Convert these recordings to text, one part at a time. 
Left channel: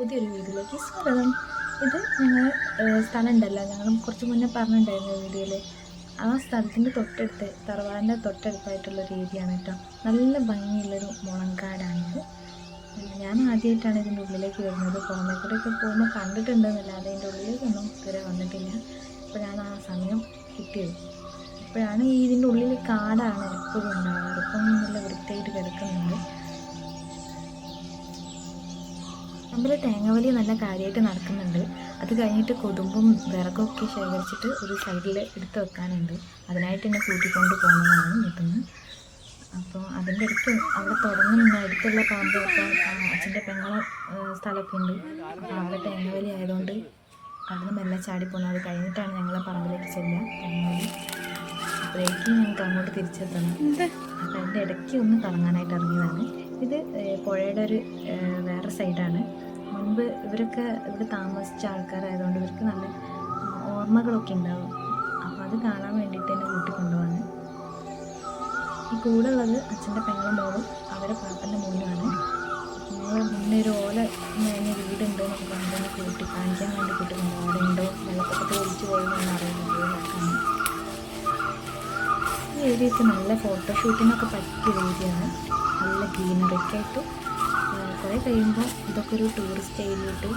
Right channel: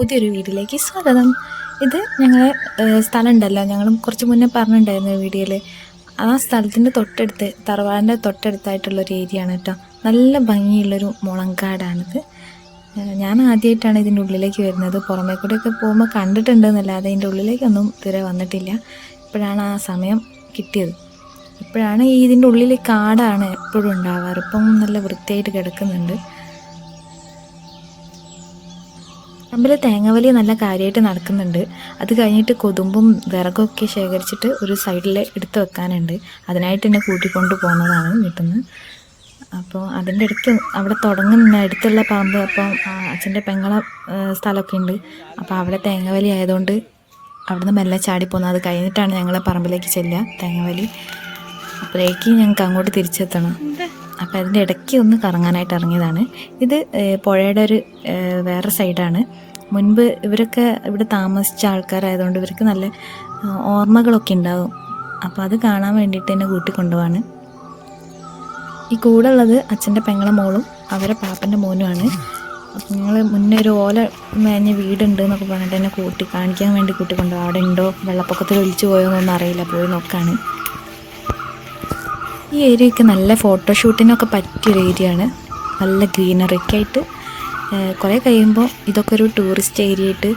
പുതിയൊരു വീഡിയോയിലേക്ക് സ്വാഗതം. ഇത് ഞങ്ങളെ സ്ഥലം ഉണ്ടല്ലോ, ഞങ്ങൾ കുറച്ച് മുന്നേ പറഞ്ഞിട്ടുണ്ടായിരുന്നു വീഡിയോയിൽ. ആ സ്ഥലത്തിൻ്റെ തൊട്ടടുത്ത്, തറവാടിൻ്റെ തൊട്ടടുത്തായിട്ടുള്ളൊരു ഏരിയ ആണ് കേട്ടോ. നല്ല ഭംഗിയുള്ളൊരു മുളങ്കാടാണിത്. ഞാൻ ആദ്യമായിട്ടാണ് ഇതിൻ്റെ ഉള്ളിലേക്ക് വരുന്നത്. പുറമേ കൂടെയൊക്കെ പോകുമ്പോൾ കണ്ടിട്ടുണ്ടെന്നല്ലാതെ ഇതിൻ്റെ ഉള്ളിലേക്കൊന്നും ഇതുവരെ വന്നിട്ടില്ല. ഇപ്പോഴാണ് ആ സമയം കിട്ടിയത്. ഇപ്പോഴാണ് ഇതിൻ്റെ ഉള്ളിൽ കാടാണ് എപ്പോഴും ഉണ്ടാവാറ്. ഇപ്പം നല്ല വൃത്തിയായിട്ട് കിടക്കുന്നുണ്ട്. പറമ്പിൽ തേങ്ങവലി നല്ല കാര്യമായിട്ട് നടക്കുന്നുണ്ട്. അത് കഴിഞ്ഞിട്ട് കൊതുമ്പും വിറകൊക്കെ ശേഖരിച്ചിട്ട് ഒരു സൈഡിൽ എടുത്ത് വെക്കാനുണ്ട്. അതിനായിട്ട് എന്നെ കൂട്ടിക്കൊണ്ട് പോകുന്നതാണ് വീട്ടിൽ നിന്ന്. അപ്പോൾ അതിൻ്റെ ഇടയ്ക്ക് അവിടെ തുടങ്ങുന്ന അടുത്തുള്ള പറമ്പ്, അപ്പം അച്ഛൻ്റെ പെങ്ങളെ സ്ഥലമൊക്കെ ഉണ്ട്. അപ്പോൾ അവിടെ തേങ്ങവലി ആയതുകൊണ്ട് അവിടുന്ന് മെല്ലെ ചാടിപ്പോകുന്നത്. അത് കഴിഞ്ഞിട്ടാണ് ഞങ്ങൾ പറമ്പിലേക്ക് ചെല്ലുക, തേങ്ങവലി. അപ്പോഴേക്ക് ഞങ്ങൾക്ക് അങ്ങോട്ട് തിരിച്ചെത്തണം. അപ്പോൾ അതിൻ്റെ ഇടയ്ക്ക് ഒന്ന് കറങ്ങാനായിട്ട് ഇറങ്ങിയതാണ്. ഇത് പുഴയുടെ ഒരു വേറെ സൈഡാണ്. മുൻപ് ഇവരൊക്കെ ഇവിടെ താമസിച്ച ആൾക്കാരായതുകൊണ്ട് ഇവർക്ക് നല്ല ഓർമ്മകളൊക്കെ ഉണ്ടാകും. അപ്പോൾ അത് കാണാൻ വേണ്ടിയിട്ട് എന്നെ കൂട്ടിക്കൊണ്ടുപോവാണ്. ഈ കൂടെ ഉള്ളത് അച്ഛൻ്റെ പെങ്ങളെ മോളും അവരെ പാപ്പൻ്റെ മോനുമാണ്. അപ്പോൾ ഞങ്ങൾ മുന്നേ ഒരു ഓല മേഞ്ഞ വീടുണ്ട് എന്നൊക്കെ പറഞ്ഞിട്ട് എന്നെ കാണിക്കാൻ വേണ്ടി കൂട്ടിക്കൊണ്ടുപോകും. അവിടെ ഉണ്ടോ, വെള്ളപ്പൊക്കത്തിൽ ഒലിച്ചു പോയോന്നൊന്നും അറിയില്ല, പോയി നോക്കാണ്. ഈ ഏരിയയൊക്കെ നല്ല ഫോട്ടോഷൂട്ടിനൊക്കെ പറ്റിയൊരു ഏരിയ ആണ്. നല്ല ഗ്രീനറിക്കായിട്ട്. കുറേ കഴിയുമ്പോൾ ഇതൊക്കെ ഒരു ടൂറിസ്റ്റ് ഏരിയ ആയിട്ട്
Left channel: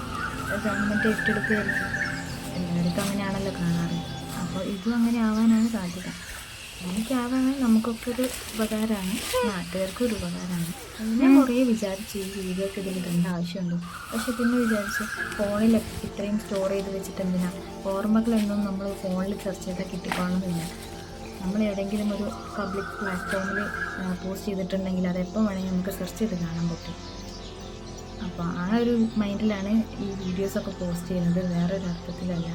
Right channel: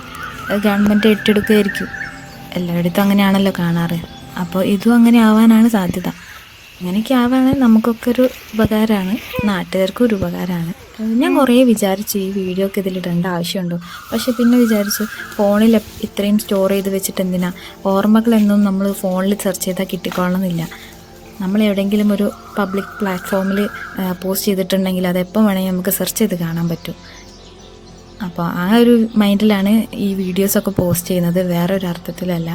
ഗവൺമെൻറ് ഏറ്റെടുക്കുകയായിരിക്കും. എല്ലായിടത്തും അങ്ങനെയാണല്ലോ കാണാറ്. അപ്പോൾ ഇതും അങ്ങനെ ആവാനാണ് സാധ്യത. അങ്ങനെയൊക്കെ ആവുകയാണെങ്കിൽ നമുക്കൊക്കെ ഒരു ഉപകാരമാണ്, നാട്ടുകാർക്കും ഒരു ഉപകാരമാണ്. ഞാൻ കുറേ വിചാരിച്ചു ഈ വീഡിയോ ഒക്കെ ഇതിലിടേണ്ട ആവശ്യമുണ്ടോ. പക്ഷെ പിന്നെ വിചാരിച്ചു ഫോണിൽ ഇത്രയും സ്റ്റോർ ചെയ്ത് വെച്ചിട്ട് എന്തിനാ. ഓർമ്മകളെന്നും നമ്മൾ ഫോണിൽ സെർച്ച് ചെയ്താൽ കിട്ടിക്കോളണമെന്നില്ല. നമ്മൾ എവിടെയെങ്കിലും ഒരു പബ്ലിക് പ്ലാറ്റ്ഫോമിൽ പോസ്റ്റ് ചെയ്തിട്ടുണ്ടെങ്കിൽ അതെപ്പോൾ വേണമെങ്കിൽ നമുക്ക് സെർച്ച് ചെയ്ത് കാണാൻ പറ്റും. അപ്പോൾ ആ ഒരു മൈൻഡിലാണ് ഈ വീഡിയോസൊക്കെ പോസ്റ്റ് ചെയ്യുന്നത്, വേറെ ഒരു അർത്ഥത്തിലല്ല.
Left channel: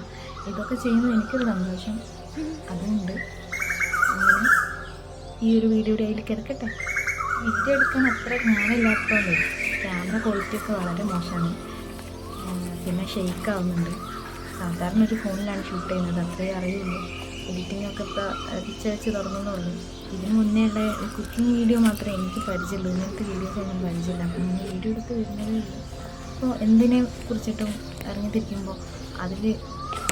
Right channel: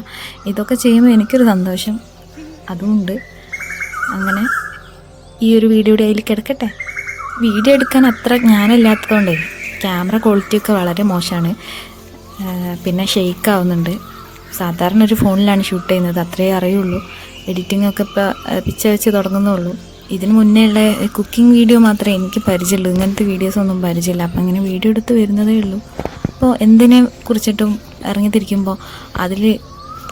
ഇതൊക്കെ ചെയ്യുമ്പോൾ എനിക്കൊരു സന്തോഷം അതുമുണ്ട്. അങ്ങനെ ഈ ഒരു വീഡിയോയുടെ അതിൽ കിടക്കട്ടെ. വീഡിയോ എടുക്കാൻ അത്ര ജ്ഞാനമില്ലാത്തതുകൊണ്ടേ ക്യാമറ ക്വാളിറ്റിയൊക്കെ വളരെ മോശമാണ്. പിന്നെ ഷെയ്ക്ക് ആവുന്നുണ്ട്. സാധാരണ ഒരു ഫോണിലാണ് ഷൂട്ട് ചെയ്യുന്നത്, അത്രയേ അറിയുള്ളൂ. എഡിറ്റിങ്ങൊക്കെ ഇപ്പോൾ പിച്ച വെച്ച് തുടങ്ങുന്നുള്ളൂ. ഇതിന് മുന്നേ ഉള്ള കുക്കിംഗ് വീഡിയോ മാത്രമേ എനിക്ക് പരിചയമുള്ളൂ. ഇങ്ങനത്തെ വീഡിയോസൊന്നും പരിചയമില്ല. അപ്പം അങ്ങനെ വീഡിയോ എടുത്ത് വരുന്നതേ ഉള്ളൂ. അപ്പോൾ എന്തിനെ കുറിച്ചിട്ടും ഇറങ്ങിത്തിരിക്കുമ്പോൾ അതിൽ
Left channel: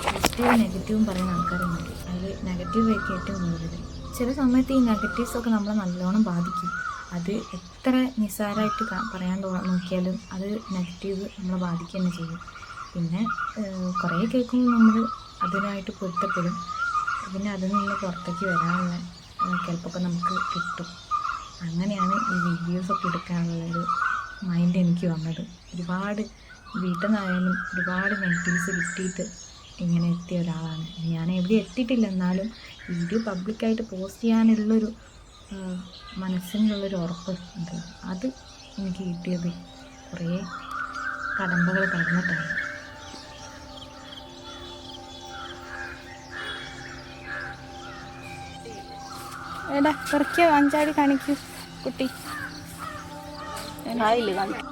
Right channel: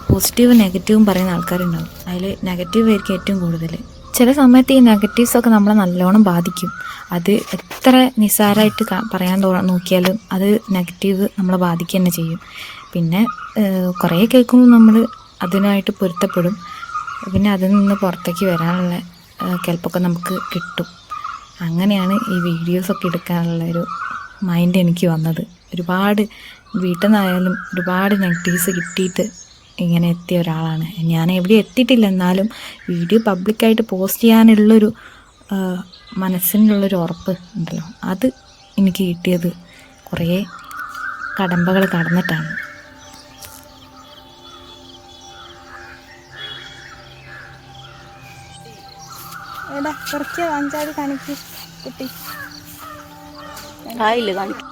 പോസിറ്റീവും നെഗറ്റീവും പറയുന്ന ആൾക്കാരുണ്ടാവും. അതിൽ നെഗറ്റീവ് ആയിരിക്കും ഏറ്റവും കൂടുതൽ. ചില സമയത്ത് ഈ നെഗറ്റീവ്സൊക്കെ നമ്മളെ നല്ലോണം ബാധിക്കും. അത് എത്ര നിസ്സാരമായിട്ട് പറയാൻ നോക്കിയാലും അത് നെഗറ്റീവ് നമ്മളെ ബാധിക്കുക തന്നെ ചെയ്യും. പിന്നെ കുറേ കേൾക്കുമ്പോൾ നമ്മൾ അതിനായിട്ട് പൊരുത്തപ്പെടും. പിന്നെ അതിൽ നിന്ന് പുറത്തേക്ക് വരാനുള്ള കെൽപ്പൊക്കെ നമുക്ക് കിട്ടും. അങ്ങനെയാണ് ഈ വീഡിയോസൊക്കെ എടുക്കാനുള്ള ഒരു മൈൻഡ് എനിക്ക് വന്നത്. ഒരുപാട് വീട്ടിൽ നിന്നായാലും ഒരുപാട് നെഗറ്റീവ്സ് കിട്ടിയിട്ട് ഇങ്ങനെ എത്തിയ ഒരാളാണ് ഞാൻ. എവിടെ എത്തിയിട്ടില്ല, എന്നാലും വീഡിയോ പബ്ലിക്കായിട്ട് പോസ്റ്റ് ചെയ്യാനുള്ളൊരു മനസ്സിനുള്ളൊരു ഉറപ്പ് ഉണ്ടല്ലോ, അത് എനിക്ക് കിട്ടിയത് കുറേ കടമ്പകൾ കടന്നിട്ടാണ്. എടാ കുറച്ച് അഞ്ചാടി കാണിക്ക് കുട്ടി. ആയില്ല കാണിക്കും.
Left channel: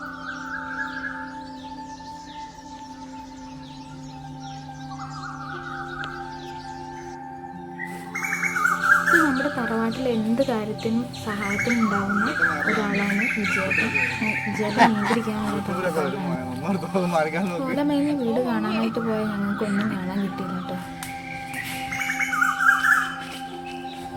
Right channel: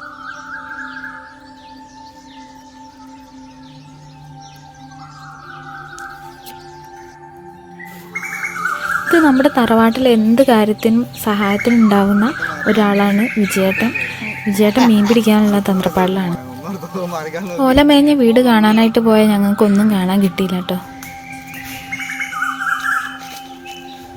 ഇത് നമ്മുടെ തറവാട്ടിൽ എന്ത് കാര്യത്തിനും സഹായത്തിനും ഉണ്ടാവുന്ന ഒരാളാണ് വിജയേട്ടൻ. വിജയേട്ടൻ മീൻ പിടിക്കാനുള്ള തന്ത്രപ്പാടിലാണ്. ഓല മേഞ്ഞ വീട് കാണാനായിട്ട് പോയാൽ ഞങ്ങൾക്കൊന്നും കാണാൻ കിട്ടിയില്ല കേട്ടോ.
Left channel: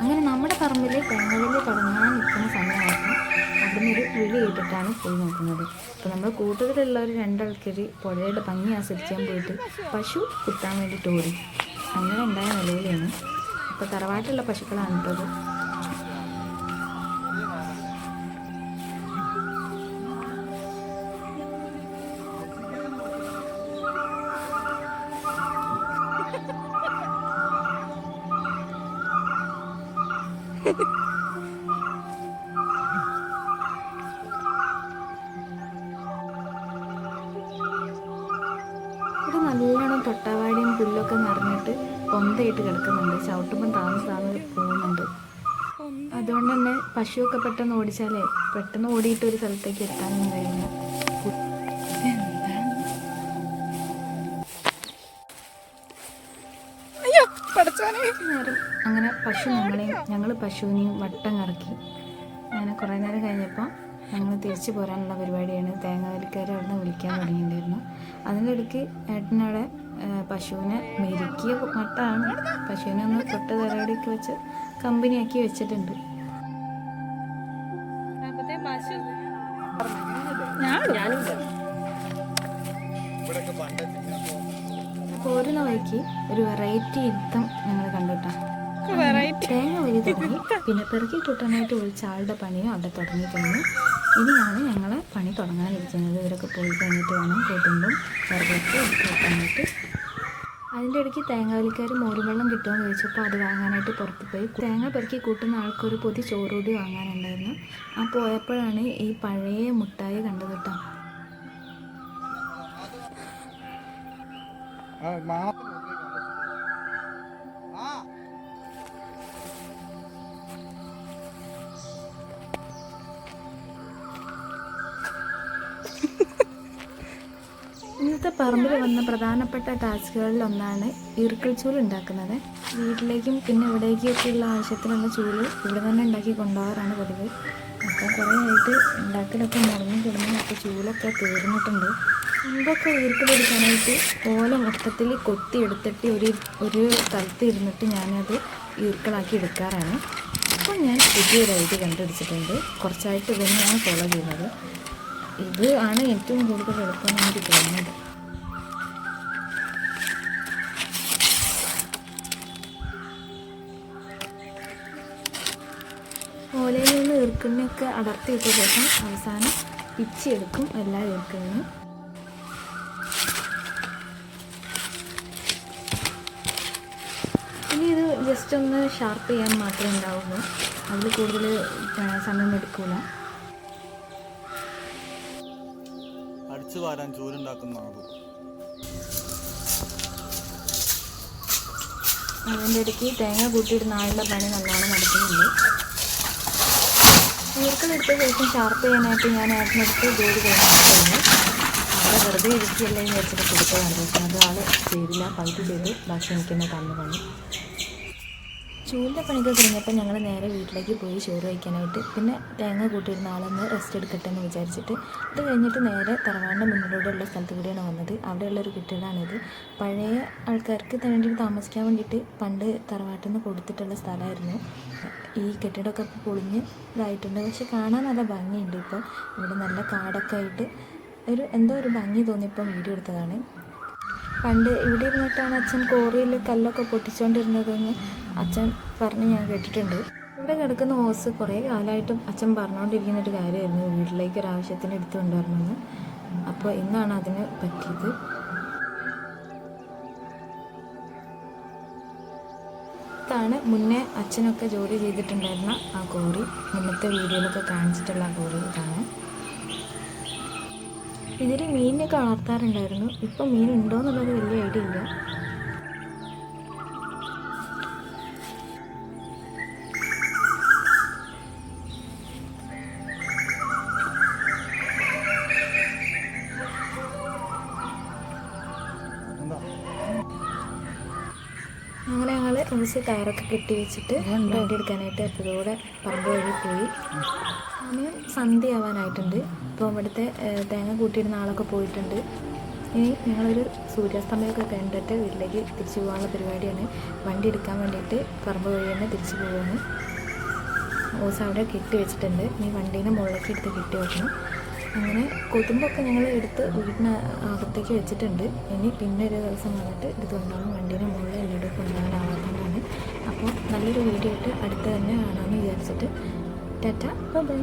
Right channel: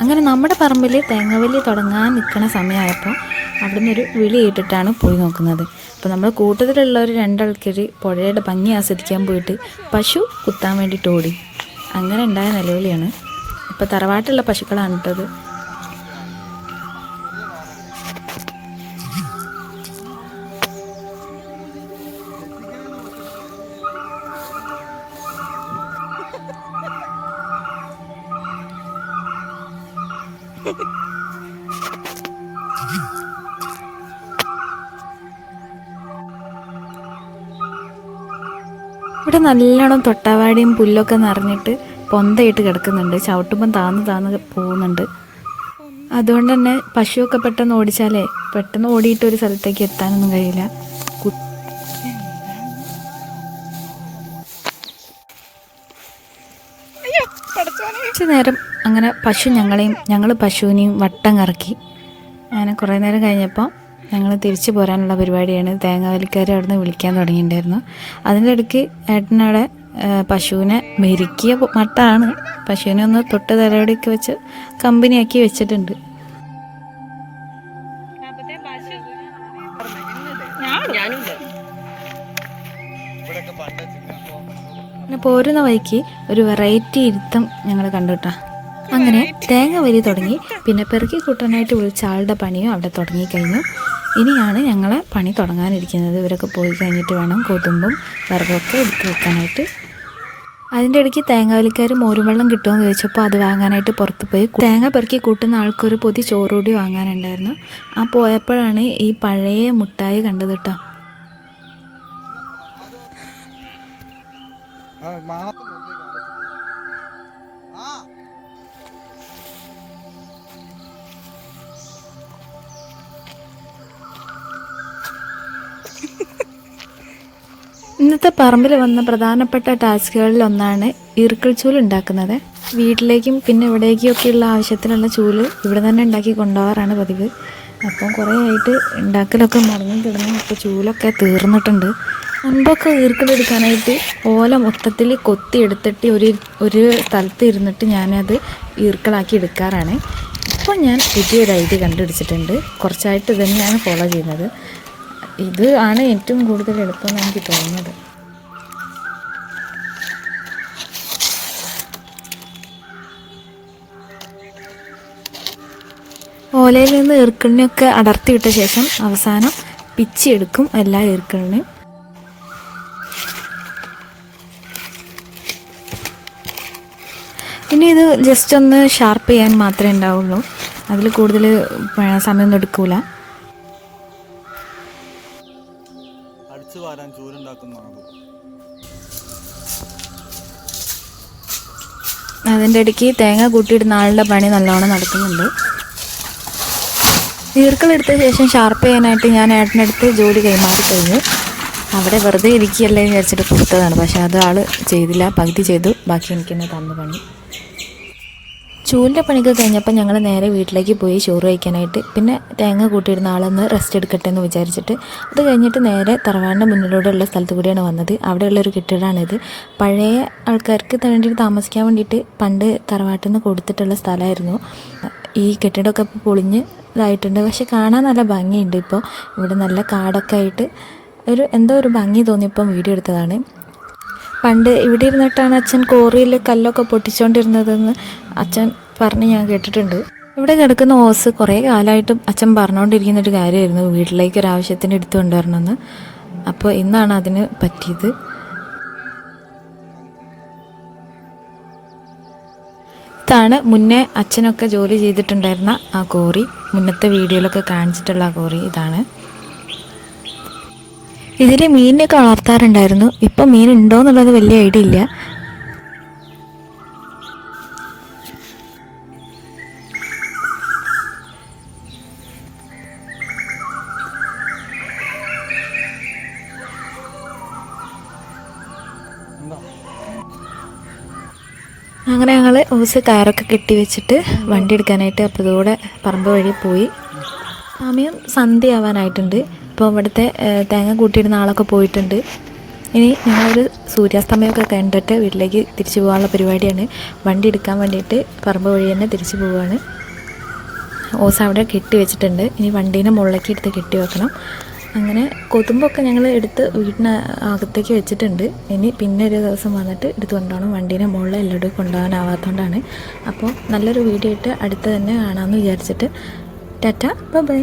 അങ്ങനെ നമ്മുടെ പറമ്പിൽ തേങ്ങവലി തുടങ്ങാൻ നിൽക്കുന്ന സമയമായപ്പോൾ അവിടെ നിന്നൊരു വിളി കേട്ടിട്ടാണ് പോയി നോക്കുന്നത്. അപ്പോൾ നമ്മൾ കൂട്ടത്തിലുള്ളവർ രണ്ടാൾക്കാർ പുഴയുടെ ഭംഗി ആസ്വദിക്കാൻ പോയിട്ട് പശു കുത്താൻ വേണ്ടിയിട്ട് ഓടി. അങ്ങനെ ഉണ്ടായ നിലവിളിയാണ്. ഇപ്പോൾ തറവാട്ടുള്ള പശുക്കളാണ് കേട്ടത്. ഇവിടെ നല്ലോണം തൊട്ടാവാടിയും പുല്ലൊക്കെ നിറഞ്ഞിട്ട് പൊന്തയിട്ട് കിടക്കുന്നുണ്ട്. ചവിട്ടുമ്പം താന്ന് പോകുന്നുണ്ട്. അതുകൊണ്ട് തന്നെ പശുവൊക്കെ പെട്ടെന്ന് ഓടിച്ചാലേ പെട്ടെന്ന് ഓടിയിട്ട് ഒരു സ്ഥലത്തേക്ക് എത്താനൊന്നും കഴിയില്ല. കുറച്ച് നേരം അങ്ങനെ ഞങ്ങൾ പശുവിനെയും വട്ടം കറക്കി. അങ്ങനെ കുറേ നേരം കഴിഞ്ഞപ്പോൾ ഞങ്ങൾ തിരിച്ചു പോരാനുള്ള പരിപാടിയാണ്. തേങ്ങാവലിക്കാർ അവിടെ നിന്ന് വിളിക്കാൻ തുടങ്ങിയിട്ടുണ്ടായിരുന്നു. അതിൻ്റെ ഇടയ്ക്ക് ഏട്ടനവിടെ പശുവിനെ മെരുക്കിയ മട്ടാണ്. പശുവിനെ ഒന്ന് തൊട്ട് തലയോടെയൊക്കെ വെച്ച് കമ്പനിയാക്കി വെച്ചിട്ടുണ്ട്. പിന്നെ പോരുന്ന വഴിക്ക് ഒരു വെറൈറ്റി ഇരുത്തം ഞങ്ങൾ കണ്ടുട്ടാ. അങ്ങനെ തേങ്ങ വലി തുടങ്ങി. പിന്നെ പെറുക്കി കൂട്ടാനായിട്ട് വിളിച്ച ആളുടെ പണിയും അവിടെ തുടങ്ങിക്കഴിഞ്ഞു. ഇനിയാണ് ഞങ്ങളെ പണി തുടങ്ങാനിരിക്കുന്നത്. ഇവരൊക്കെ പോയി കഴിഞ്ഞിട്ട് വേണം കൊതുമ്പും വിറകൊക്കെ എടുത്ത് വെക്കാനായിട്ട്. അതിൻ്റെ ഇടയ്ക്ക് തേങ്ങാവലിക്കാർ മോരുവെള്ളം കിട്ടുമെന്ന് ചോദിച്ചപ്പോൾ അത് വാങ്ങാനായിട്ട് പുറത്ത് പോയി. തേങ്ങ പെറുക്കി കൂട്ടുന്ന ആൾക്കൊരു പൊതി ചോറുകൂടി വാങ്ങാനുണ്ടായിരുന്നു. ആ പോയപ്പോഴാണ് ഈ പഴയ മുട്ടായി കണ്ടത് കേട്ടോ. ഇന്നത്തെ പറമ്പിൽ വന്ന പ്രധാനപ്പെട്ട ടാസ്കുകളിൽ ഒന്നാണ് ഈർക്കിൾ ചൂല് ഉണ്ടാക്കുന്നത്. വീട്ടിലേക്കും പിന്നെ ഇവിടേക്കൊക്കെയുള്ള ആവശ്യത്തിനുള്ള ചൂല് ഇവിടെ തന്നെ ഉണ്ടാക്കി കൊണ്ടുപോകാറാണ് പതിവ്. അപ്പം കുറേ ആയിട്ട് ഉണ്ടാക്കലൊക്കെ മറിഞ്ഞു കിടന്നു. അപ്പോൾ ചൂലൊക്കെ തീർന്നിട്ടുണ്ട്. മുൻപൊക്കെ ഈർക്കിളെടുക്കാനായിട്ട് ഓല മൊത്തത്തിൽ കൊത്തി എടുത്തിട്ട് ഒരു സ്ഥലത്ത് ഇരുന്നിട്ട് ഞാനത് ഈർക്കിളാക്കി എടുക്കാറാണ്. ഇപ്പോൾ ഞാൻ പുതിയൊരു ഐഡിയ കണ്ടുപിടിച്ചിട്ടുണ്ട്. കുറച്ചായിട്ട് ഇത് തന്നെയാണ് ഫോളോ ചെയ്യുന്നത്. ഇത് ആണ് ഏറ്റവും കൂടുതൽ എളുപ്പമെന്ന് എനിക്ക് തോന്നുന്നത്. ഓലയിൽ നിന്ന് ഈർക്കിളിനെയൊക്കെ അടർത്തിയിട്ട ശേഷം അവസാനം പിച്ചിയെടുക്കും എല്ലാ ഈർക്കിളിനെയും. പിന്നെ ഇത് ജസ്റ്റ് ഒന്ന് ഷാർപ്പ് ചെയ്യാൻ മാത്രമേ ഉണ്ടാവുള്ളൂ. അതിൽ കൂടുതൽ സമയമൊന്നും എടുക്കൂല. അതിൻ്റെ ഇടയ്ക്ക് തേങ്ങ കൂട്ടിയിടുന്ന ആളുടെ പണി നല്ലോണം നടക്കുന്നുണ്ട്. ഈർക്കളെടുത്ത ശേഷം ഷാർപ്പ് ചെയ്യാനായിട്ട് ഞാൻ ഏട്ടനടുത്ത് ജോലി കൈമാറി കഴിഞ്ഞു. അവിടെ വെറുതെ ഇരിക്കുകയല്ലേ വിചാരിച്ചിട്ട് കൊടുത്തതാണ്. പക്ഷേ അത് ആൾ ചെയ്തില്ല. പകുതി ചെയ്തു, ബാക്കി എനിക്ക് തന്നെ തന്നു പണി. ചൂലിൻ്റെ പണിയൊക്കെ കഴിഞ്ഞപ്പോൾ ഞങ്ങൾ നേരെ വീട്ടിലേക്ക് പോയി ചോറ് കഴിക്കാനായിട്ട്. പിന്നെ തേങ്ങ കൂട്ടിയിടുന്ന ആളൊന്ന് റെസ്റ്റ് എടുക്കട്ടെ എന്ന് വിചാരിച്ചിട്ട് അത് കഴിഞ്ഞിട്ട് നേരെ തറവാടിൻ്റെ മുന്നിലൂടെയുള്ള സ്ഥലത്ത് കൂടിയാണ് വന്നത്. അവിടെയുള്ളൊരു കെട്ടിടമാണിത്. പഴയ ആൾക്കാർക്ക് വേണ്ടിയിട്ട് താമസിക്കാൻ വേണ്ടിയിട്ട് പണ്ട് തറവാട്ടിൽ നിന്ന് കൊടുത്തിട്ടുള്ള സ്ഥലമായിരുന്നു. ഈ കെട്ടിടമൊക്കെ ഇപ്പോൾ പൊളിഞ്ഞ് ഇതായിട്ടുണ്ട്. പക്ഷെ കാണാൻ നല്ല ഭംഗിയുണ്ട്. ഇപ്പോൾ ഇവിടെ നല്ല കാടൊക്കെ ആയിട്ട് എന്തോ ഒരു ഭംഗി തോന്നിയപ്പം വീഡിയോ എടുത്തതാണ്. പണ്ട് ഇവിടെ ഇരുന്നിട്ടാണ് അച്ഛൻ കോറിയിൽ കല്ലൊക്കെ പൊട്ടിച്ചുകൊണ്ടിരുന്നതെന്ന് അച്ഛൻ പറഞ്ഞ് ഞാൻ കേട്ടിട്ടുണ്ട്. ഇവിടെ കിടക്കുന്ന ഓസ് കുറേ കാലമായിട്ടും അച്ഛൻ പറഞ്ഞുകൊണ്ടിരിക്കുന്നൊരു കാര്യമായിരുന്നു, വീട്ടിലേക്ക് ഒരാവശ്യത്തിന് എടുത്തു കൊണ്ടുവരണമെന്ന്. അപ്പോൾ ഇന്നാണ് അതിന് പറ്റിയത്. ഇതാണ് മുന്നേ അച്ഛനൊക്കെ ജോലി ചെയ്തിട്ടുണ്ടായിരുന്ന ആ കോറി. മുന്നത്തെ വീഡിയോയിലൊക്കെ കാണിച്ചിട്ടുള്ള ആ കോറി ഇതാണ്. ഇതിൽ മീനിനൊക്കെ വളർത്താറുണ്ടായിരുന്നു. ഇപ്പം മീൻ ഉണ്ടോ എന്നുള്ളത് വലിയ ഐഡിയ ഇല്ല. അങ്ങനെ ഞങ്ങൾ ഓസ് കയറൊക്കെ കെട്ടി വെച്ചിട്ട് വണ്ടി എടുക്കാനായിട്ട് അപ്പുറത്തൂടെ പറമ്പ് വഴി പോയി. സമയം സന്ധ്യയാവാനായിട്ടുണ്ട്. ഇപ്പോൾ ഇവിടുത്തെ തേങ്ങ കൂട്ടിയിടുന്ന ആളൊക്കെ പോയിട്ടുണ്ട്. ഇനി ഞങ്ങളൊരു സൂര്യാസ്തമയമൊക്കെ കണ്ടിട്ട് വീട്ടിലേക്ക് തിരിച്ചു പോകാനുള്ള പരിപാടിയാണ്. വണ്ടി എടുക്കാൻ വേണ്ടിയിട്ട് പറമ്പ് വഴി തന്നെ തിരിച്ചു പോവുകയാണ്. ഓസ് അവിടെ കെട്ടി വെച്ചിട്ടുണ്ട്. ഇനി വണ്ടീനെ മുകളിലേക്ക് എടുത്ത് കെട്ടി വെക്കണം. അങ്ങനെ കൊതുമ്പൊക്കെ ഞങ്ങൾ എടുത്ത് വീടിന് അകത്തേക്ക് വെച്ചിട്ടുണ്ട്. ഇനി പിന്നെ ഒരു ദിവസം വന്നിട്ട് എടുത്ത് കൊണ്ടുപോകണം. വണ്ടീനെ മുകളിൽ എല്ലായിടും കൊണ്ടുപോകാനാവാത്തതുകൊണ്ടാണ്. അപ്പോൾ നല്ലൊരു വീഡിയോ ഇട്ട് അടുത്ത് തന്നെ കാണാമെന്ന് വിചാരിച്ചിട്ട് ടാറ്റ ബൈ.